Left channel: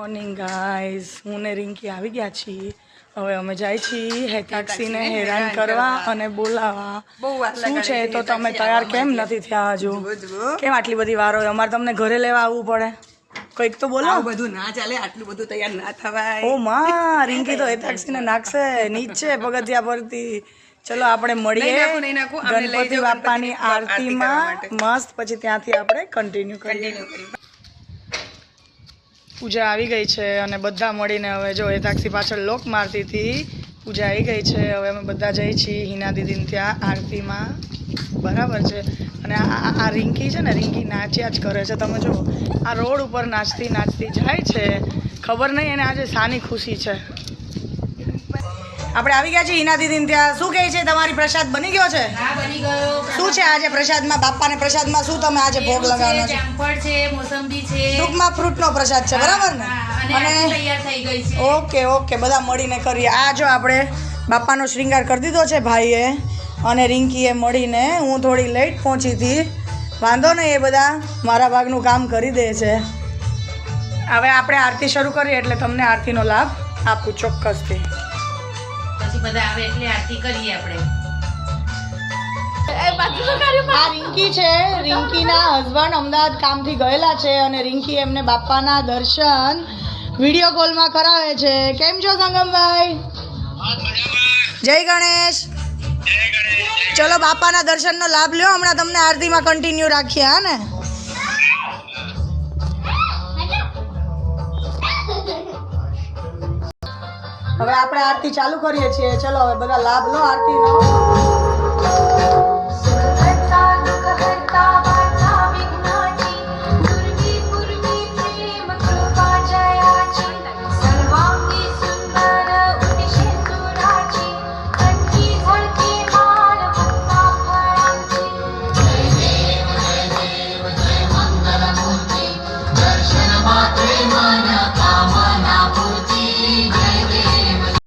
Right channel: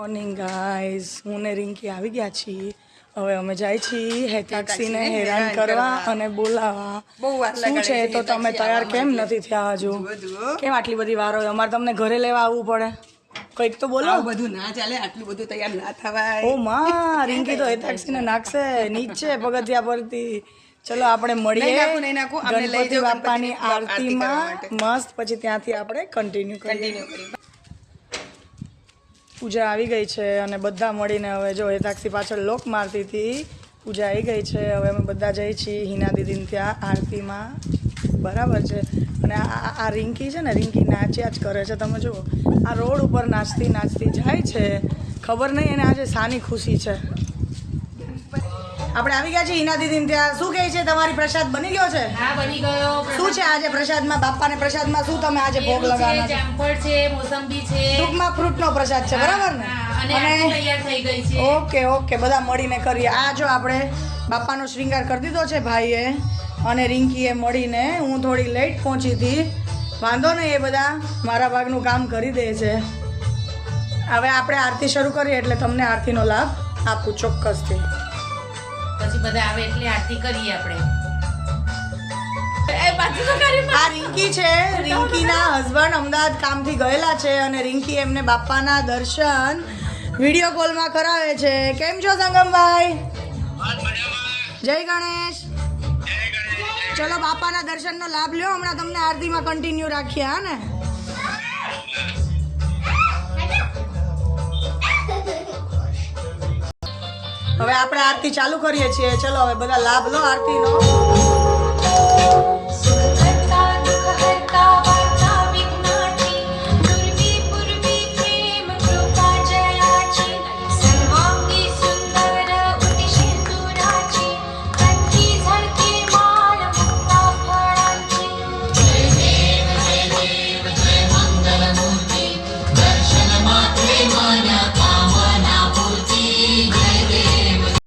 Morning guys, હું ને રિંકી આવી ગયા છીએ. હવે અમે જાય છીએ હેતાક્ષીને હેરાન કરવા અને બોલાવવા. શું છે તો તમે તૈયાર કેમ નથી થયા હજુ? કેમ આટલી બધી વાર હોય? અમારે તમને ઘરે લેવા આવવું પડે. કંઈક તો બોલો. બધું ના ચાલે, આટલું બધું તૈયાર ના થવાય. ઓ માં, રિંકી તો હેતાક્ષીને નાખશે નીચે પગથિયા પરથી. ચલો આપણે મળીએ ગણપતિ બાપાની આરતીમાં મસ્ત, પછી ત્યાંથી આપણે કન્ટિન્યુ કરીએ. પૂજા આવી ગઈ છે અને બધા મળીને હવે જો હેતાક્ષી પાછળ લોક મારતી હતી. પૂજા આવી ગઈ છે, હવે અમે બધા જઈએ છીએ હિના દીદીને ત્યાં આરતીમાં. બરાબર છે. અને આ રિંકી છે ને, રિંકી નાચ્યા જ કરે છે. તમે જો આ રોડ ઉપર નાચતી નાચતી જાય છે. ખબર નહીં એને આજે શાની ખુશી છે. આપણે આવી ગયા છીએ હિના દીદીને ત્યાં. શું કહે છે, તમારી પ્રસાદ બની ગયો છે? હા, બની ગયો. શું છે આજે પ્રસાદમાં? બાપાને પ્રસાદમાં શું તમે આજે ભોગ લગાવવાના છો? જામફળ છે, મોસંબી છે. ટૂંકમાં ફ્રૂટનો પ્રસાદ છે, બરાબર ને? અને તૈયાર થઈ ગઈ છે. ઓકે ઓકે, બધા મળીને કરીએ. આ જો આપણે બાપાનો શ્રૃંગાર કરી દીધો છે ભાઈએ અને રિંકીએ મળીને. હું થોડી લેટ પહોંચી હતી, વાંધો નહીં, એ બધા મારા ભાગનું કામ કરી દે છે. હવે આપણે આરતી શરૂ કરીએ એટલે તમને આરતીનો લાભ આપું ચોક્કસથી. પછી બધા આવે એટલે આરતી કરીએ આપણે. આ રિંકી છે. રિંકીના હસબન્ડ અમદાવાદ કામથી ગયેલા છે અને રિંકી એમને બાપાના દર્શન વિડીયો કોલમાં કરાવે છે. કેમ છો સંગમભાઈ? જય ગણેશ. ચલો બાપાના દર્શનનો લાભ લ્યો. હમણાં તમને આરતીમાં કન્ટિન્યુ રાખીએ. હા ને? હવે આપણે આરતી ચાલુ કરીએ છીએ. ચલો હવે બધા લાભ લો આરતીનો. Dharshana matre